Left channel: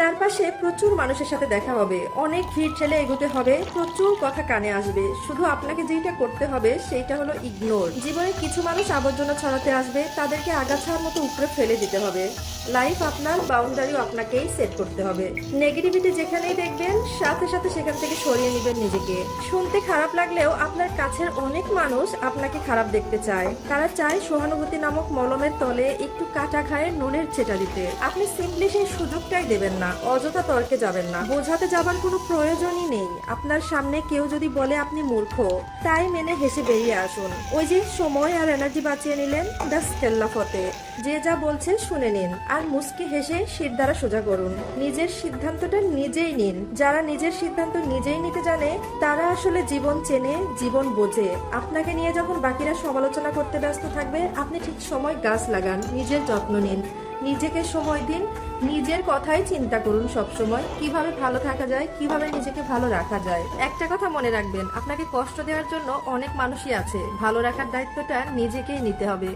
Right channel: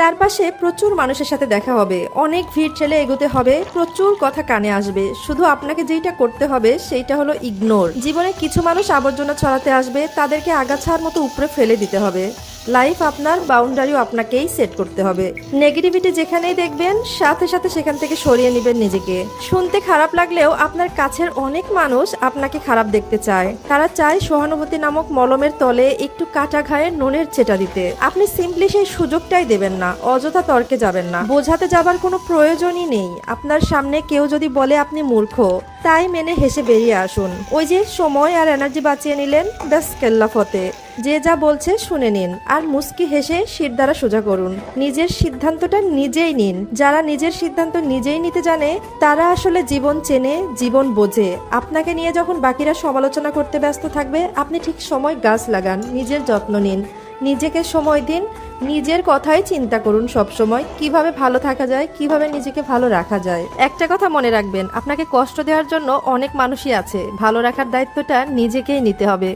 চারপাশে প্রচুর মানুষের সাথে দেখা হবে, অনেক ভিড় ঠেলে এগোতে হবে, প্রচুর কথা কানে আসবে। শুধু আপনাকে যেটা করতে হবে সেইটা হলো ইগনোর। জীবনে কিছু মানুষ আবর্জনা ছড়াতে আসবে, তাদেরকে আগাছার মতো উপরে ফেলে দিতে হবে। লাইফ আপনার, বাউন্ডারিও আপনাকেই সেট করতে হবে। নেগেটিভিটি যেখানেই দেখবেন সাথে সাথে সেখান থেকে সরিয়ে নেবেন নিজেকে। শুনতে খারাপ লাগলেও আপনার কাছের অনেক মানুষ আপনাকে খারাপ দেখতে চায়। তারা চায় সহানুভূতি নামক মলমের তলে একটু কাটা ঘায়ে নুনের ছেটা দিতে। আপনি সিম্পলি সেই সুযোগটাই দেবেন না, অযথা তর্কে যাবেন না, বোঝাতে যাবার কোনো প্রয়োজনই নেই। আপনার সামনে কেউ যদি বলে আপনি মূর্খ, তাই মেনে হেসে বেরিয়ে আসুন। ওই যে সময় আর এনার্জি বাঁচিয়ে নিলেন, ব্যাস কেল্লা ফতে। যে যা বলছে শুনে নিন আর মুস্কি হেসে শির দ্বারা সোজা করুন। নিজের সিদ্ধান্তটা নিজেই নিন। যারা নিজের সিদ্ধান্ত নিজেই নিতে জানে তারা আসলে জীবন চেনে, জীবন বোঝে। আপনাকে নিয়ে যখন বাকিরা সমালোচনা করতে ব্যস্ত থাকবে, আপনি ঠিক সময় গাছ লাগান, নিজের যত্ন নিন, নিজেকে সময় দিন, নিজের কথাই চিন্তা করুন সব সময়, কিভাবে ভালো থাকা যায়, কিভাবে নিজেকে ভালো রাখা যায়। একটা কথা মনে রাখবেন, আপনাকে কষ্ট দেওয়ার জন্য অনেক মানুষই আছে, ভালো রাখার দায়িত্বটা নিজেকেই নিতে হবে।